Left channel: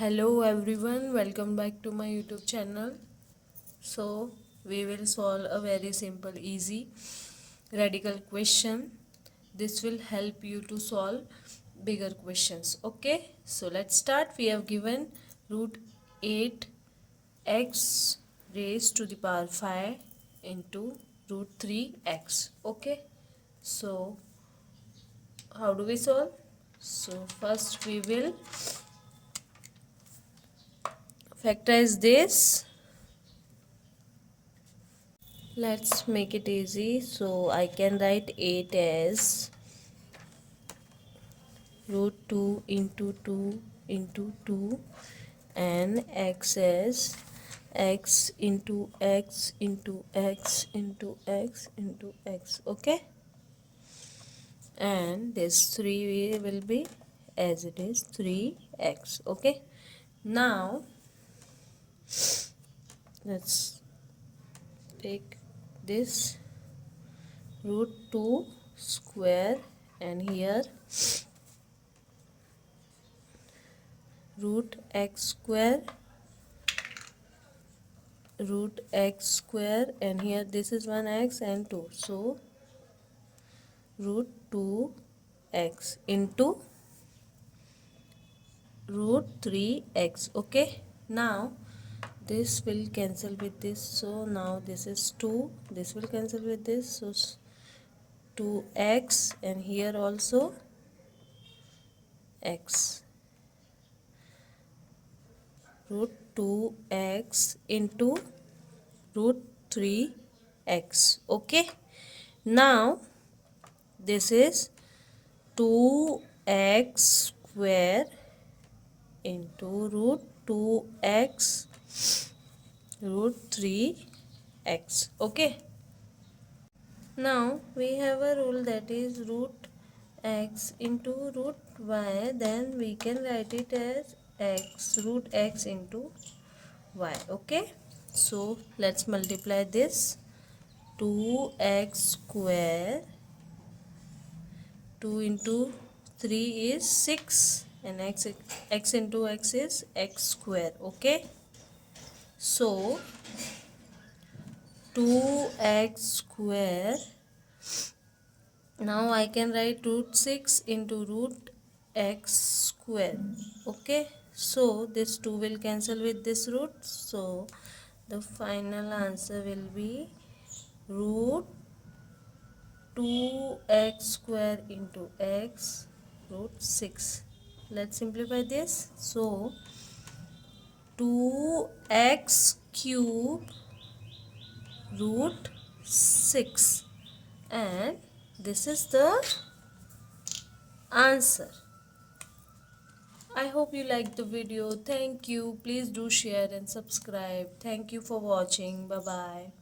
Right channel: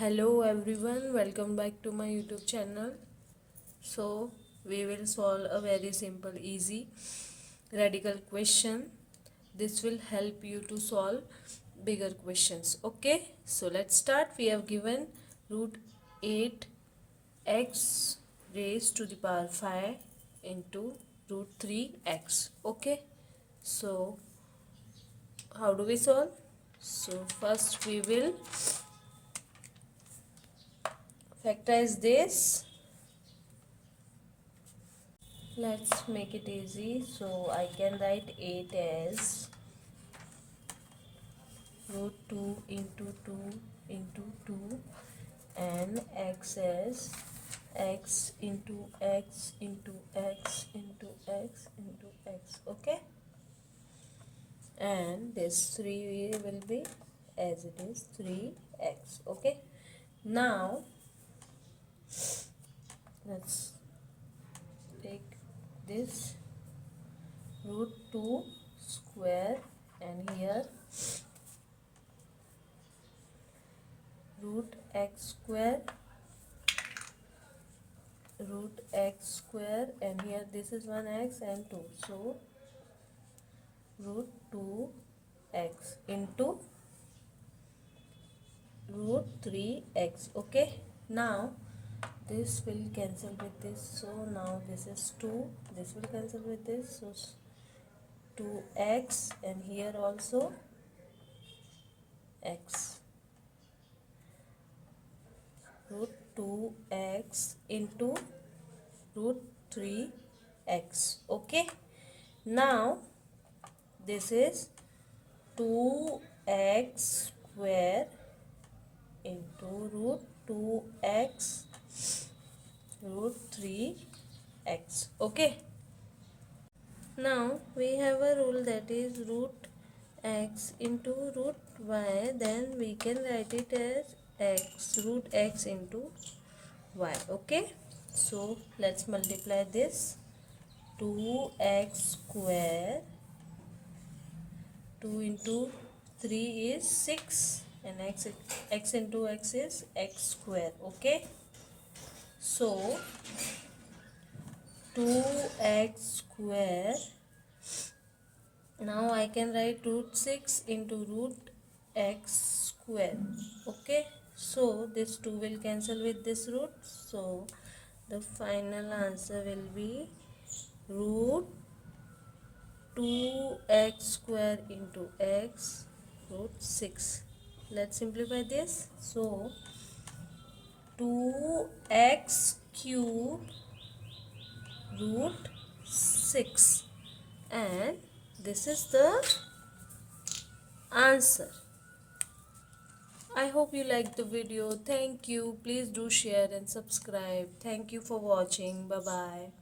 Hello everyone, welcome back to my YouTube channel. So we will solve a very simple easy radical question. This will help you to solve bigger questions. Okay, so let's start. We have given root 8 x raised to the power 5 into root 3x. Okay, so how do we solve? So first we will factorize this. Let's make it easy. So I can write 8 as root 2 into 2 into 2 and x as x into x into x into x into x. Okay, and this 3 will be as it is 3x. Okay, now let's take this root 2 square and here root x square and here this is 1x and 2, so root 2x into root 3x. Okay, now this will cancel with this, so now this is 2, this will cancel with this, so 2x and here also x, root 2x into root 3x. Okay, now this is 2x square into root 2x root 3x. Okay, now we have a rule that is root x into root y, then we can write it as x root x into y. Okay, so let's multiply this. 2x square, 2 into 3 is 6 and x into x is x square. Okay, so 2x square, now I can write root 6 into root x square. Okay, so this 2 will cancel with this root, so the final answer will be root 2x square into x root 6. Let's simplify this. So 2x cube root 6, and this is the answer. I hope you liked the video. Thank you. Please do share and subscribe. Thank you for watching. Bye bye.